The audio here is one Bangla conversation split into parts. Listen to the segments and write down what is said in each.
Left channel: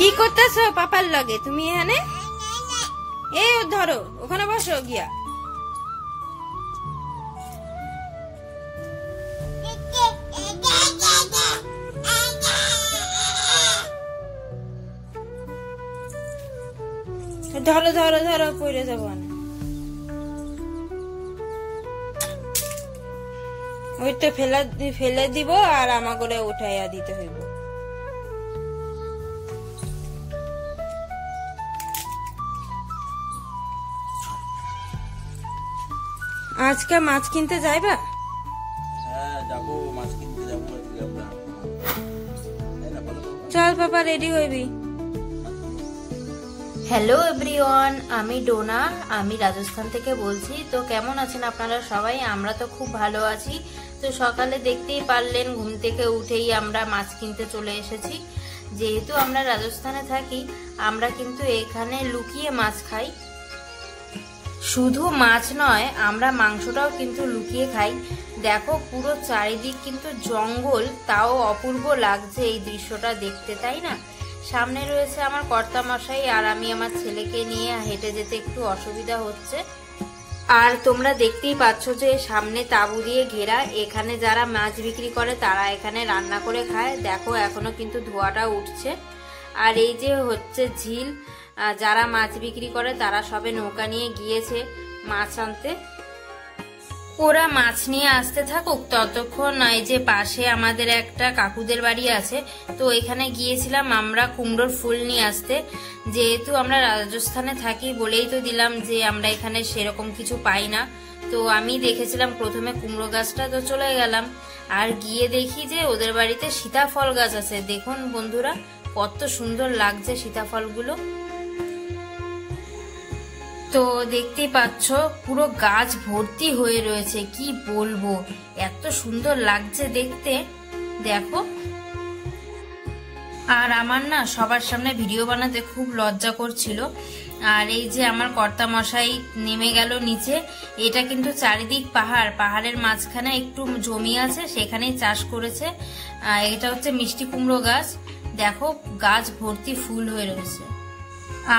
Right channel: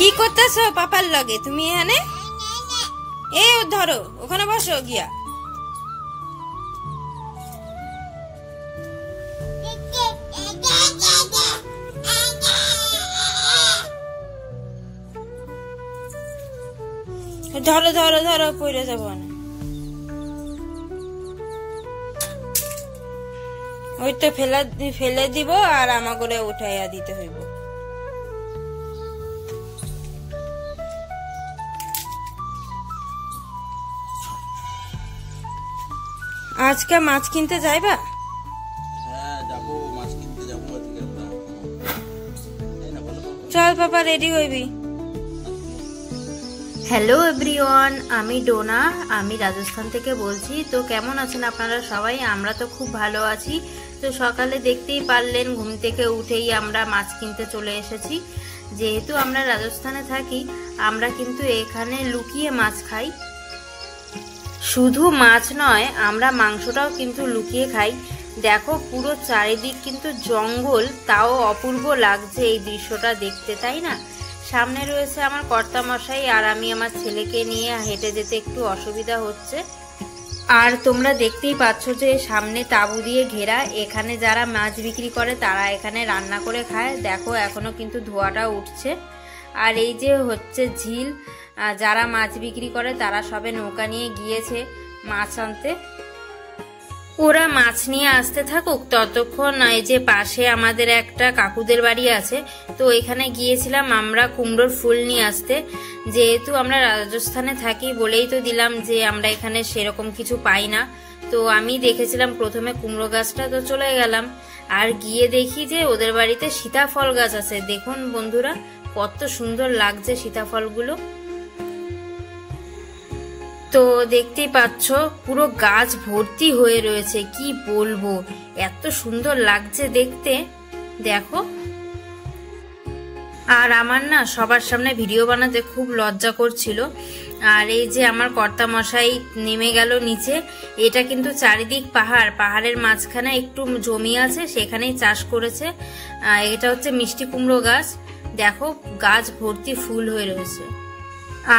কি করতেছো পাপার লগে তুমি এখানে? এই ধরো, ওখানে বসো গিয়া। ধরো ধরো ধরো, পড়ে যাবো না। ওইটা ফেলে দিব আর আমাকে উঠাইয়া দিতে হইব। আজকে মাছ কিনতে যাইবা? হ্যাঁ যাবো, মাছ কিনতে যাবো আজকে আমরা। চল বাবা, রেডি হইবি। হ্যালো এভরিওয়ান, আমি ডোনা, আমি রাজস্থান থেকে বলছি। তো কেমন আছেন আপনারা সবাই? আমরা তো খুব ভালো আছি। তো সকালে দেখতেই পারলেন, ঘুম থেকে উঠেই আমরা মাছ কিনতে চলে এসেছি। যেহেতু আমরা রাজস্থানে থাকি, আমরা কিন্তু এখানে লুকিয়ে মাছ খাই। শুধু মাছ নয়, আমরা মাংসটাও কিন্তু লুকিয়ে খাই। দেখো, পুরো চারিদিক কিন্তু জঙ্গল, তাও অপূর্ব লাগছে এই দৃশ্যটা দেখতে, তাই না? সামনে রয়েছে আমার কর্তামশাই, আর আমি আমার ছেলেকে নিয়ে হেঁটে যেতে একটু অসুবিধা হচ্ছে। আর তোমরা দেখতেই পাচ্ছ যে সামনে তাঁবু দিয়ে ঘেরা। এখানে যারা মাছ বিক্রি করে তারা এখানে রান্না করে খায়। দেখো, এখনো কিন্তু ধোঁয়াটা উঠছে। আর এই যে হচ্ছে ঝিল, যারা মাছ বিক্রি করে তারা সবে নৌকা নিয়ে গিয়েছে মাছ আনতে। ওরা মাছ নিয়ে আসতে থাকুক, ততক্ষণ এই যে পাশে আমাদের একটা কাকুদের বাড়ি আছে, তো এখানে গিয়েছিলাম আমরা কুমড়োর ফুল নিয়ে আসতে। যেহেতু আমরা রাজস্থানে থাকি বলেই তো দিলাম যে আমরা এখানে সেরকম কিছু পাই না। তো আমি দেখেছিলাম প্রথমে কুমড়ো গাছটা, তো চলে গেলাম। আর গিয়ে দেখি যে ওদের বাড়িতে সীতাফল গাছ আছে। দেখুন বন্ধুরা, কত সুন্দর লাগছে সীতাফলগুলো। তো দেখতেই পাচ্ছ পুরো গাছ ভর্তি হয়ে রয়েছে, কি বলবো, এত সুন্দর লাগছে দেখতে। দেখো, আর আমার না সবার সামনে ভিডিও বানাতে খুব লজ্জা করছিল। আর এই যে আমার কর্তামশাই নেমে গেল নিচে। এটা কিন্তু চারিদিক পাহাড়, পাহাড়ের মাঝখানে একটু জমি আছে, সেখানেই চাষ করেছে। এটা হচ্ছে মিষ্টি কুমড়ো গাছ। দেখো, গাছ ভর্তি ফুল হয়ে রয়েছে।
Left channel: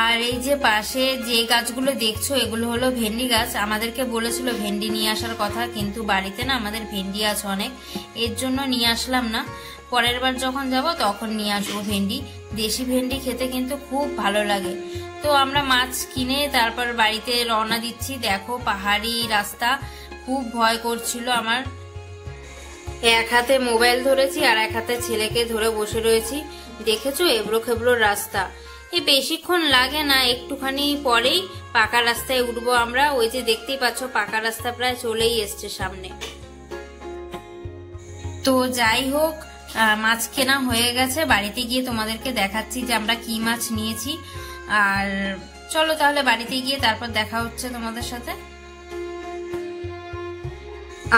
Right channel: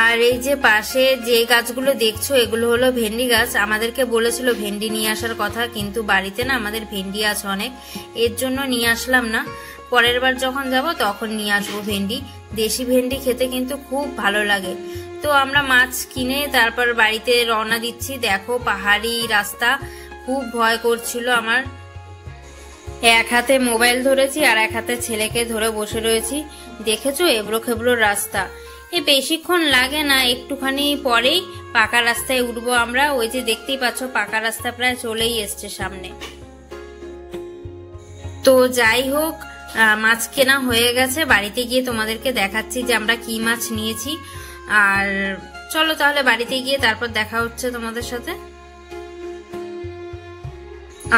আর এই যে পাশে যে গাছগুলো দেখছো, এগুলো হলো ভেন্ডি গাছ। আমাদেরকে বলেছিল ভেন্ডি নিয়ে আসার কথা, কিন্তু বাড়িতে না আমাদের ভেন্ডি আছে অনেক, এর জন্য নিয়ে আসলাম না। পরের বার যখন যাব তখন নিয়ে আসবো ভেন্ডি। দেশি ভেন্ডি খেতে কিন্তু খুব ভালো লাগে। তো আমরা মাছ কিনে তারপর বাড়িতে রওনা দিচ্ছি। দেখো, পাহাড়ি রাস্তা, খুব ভয় করছিল আমার। এক হাতে মোবাইল ধরেছি আর এক হাতে ছেলেকে ধরে বসে রয়েছি। দেখেছো, এবড়ো খেবড়ো রাস্তা। বেশিক্ষণ লাগে না, একটুখানি পরেই পাকা রাস্তায় উঠবো আমরা। ওই যে দেখতেই পাচ্ছ পাকা রাস্তা প্রায় চলেই এসছে সামনে। তো যাই হোক, মাছ কেনা হয়ে গেছে। বাড়িতে গিয়ে তোমাদেরকে দেখাচ্ছি যে আমরা কি মাছ নিয়েছি। আর চলো তাহলে বাড়িতে গিয়ে তারপর দেখা হচ্ছে তোমাদের সাথে।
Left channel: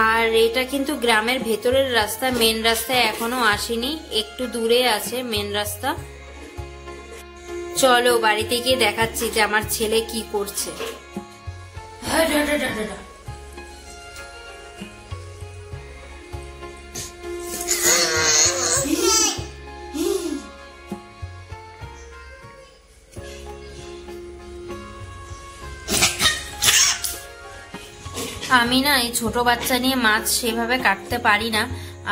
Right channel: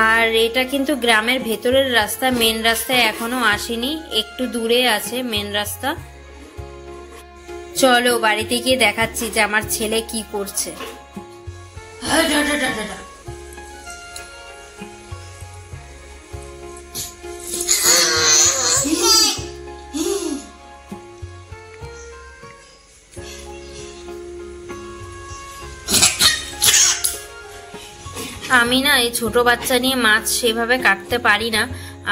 আর এটা কিন্তু গ্রামের ভেতরের রাস্তা, মেন রাস্তায় এখনো আসেনি, একটু দূরে আছে মেন রাস্তা। চলো বাড়িতে গিয়ে দেখাচ্ছি যে আমার ছেলে কি করছে। আমি না এই ছোট বাচ্চা নিয়ে মাছ সেভাবে কাটতে পারি না।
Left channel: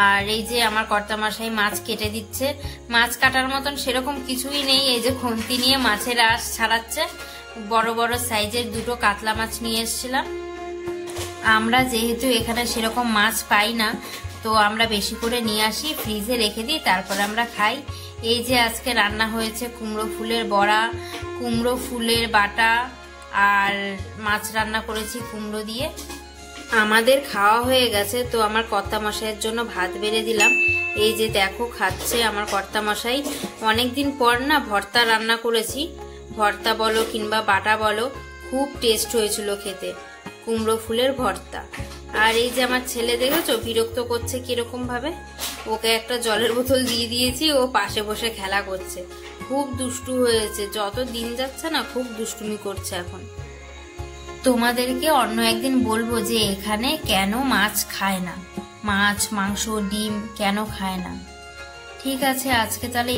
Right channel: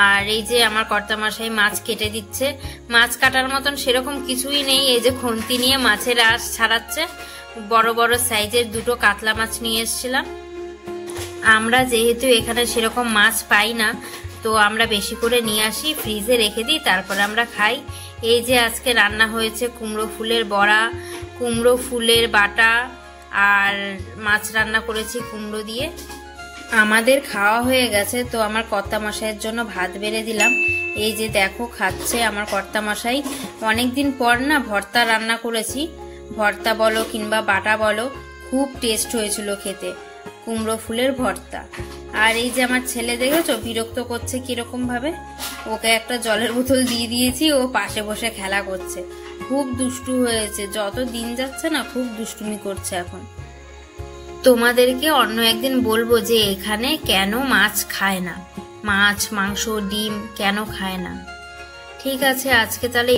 আর এই যে আমার কর্তামশাই মাছ কেটে দিচ্ছে। মাছ কাটার মতন সেরকম কিছুই নেই। এই যে খুন্তি নিয়ে মাছের আঁশ ছাড়াচ্ছে। বড় বড় সাইজের দুটো কাতলা মাছ নিয়ে এসেছিলাম। আমরা যেহেতু এখানে সেরকম মাছ পাই না, তো আমরা বেশি করে নিয়ে আসি, ফ্রিজে রেখে দিই, তারপর আমরা খাই। এই যে আজকে রান্না হয়েছে কুমড়ো ফুলের বড়া, কুমড়ো ফুলের বাটা, আর মাছ রান্না করেছি কুমড়ো দিয়ে। আমাদের খাওয়া হয়ে গেছে, তো আমার কর্তামশাইয়ের জন্য ভাত বেড়ে দিলাম। এই যে দেখো, খাচ্ছে আমার কর্তামশাই। অনেকদিন পর না ভর্তা রান্না করেছি। ভর্তা বলো কিংবা বাটা বলো, খুব টেস্ট হয়েছিল খেতে, কুমড়ো ফুলের ভর্তা। আর এই যে আমার ছেলে দেখেছো বিরক্ত করছে কিরকম ভাবে। ওকে একটা জলের বোতল দিয়ে দিয়েছি, ও পাশে বসে খেলা করছে। খুব দুষ্টু হয়েছে, যত দিন যাচ্ছে না খুব দুষ্টুমি করছে এখন। তোমাদেরকে অন্য একদিন বলবো যে এখানে কেন মাছ খায় না, মাছ মাংস ডিম কেন খায় না। ঠিক আছে, আজকে তাহলে